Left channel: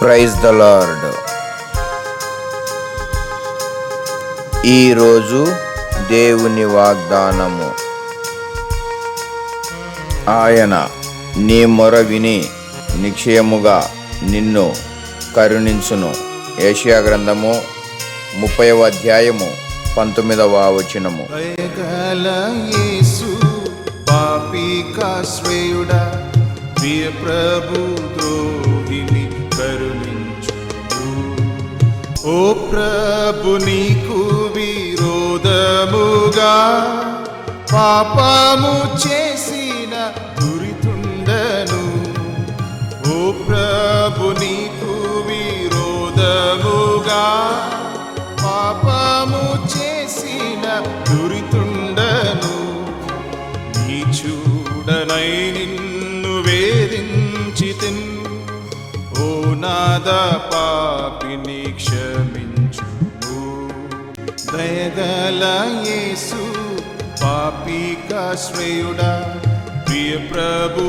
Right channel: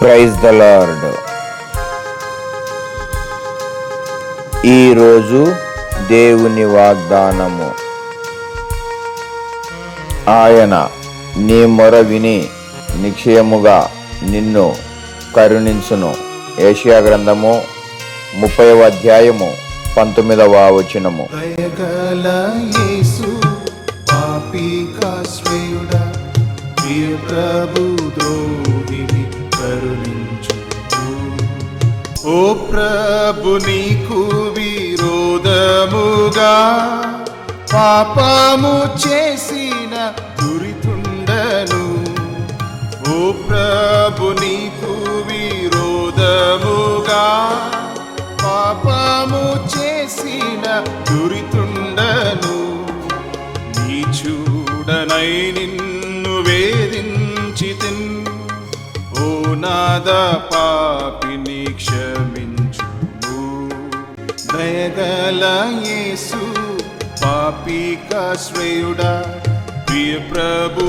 Praise the lord. ఈరోజు దేవుని వాగ్దానము. ఆయన నీ మొర విని నిశ్చయముగా నిన్ను కరుణించును. యెషయా గ్రంథము 30వ అధ్యాయము 19వ వచనము. ఓ ప్రభు నీకు విరోధముగా పాపము చేసిన దురితుండను. ఓ ప్రభు నీకు విరోధముగా పాపము చేసిన దురితుండను. నీ చూడనై నిన్ను వేధించితిన్. ఓ నాద పాపిని క్షమించు. దయగల యేసు పాపికాశ్రయుడా, ప్రియ ప్రభు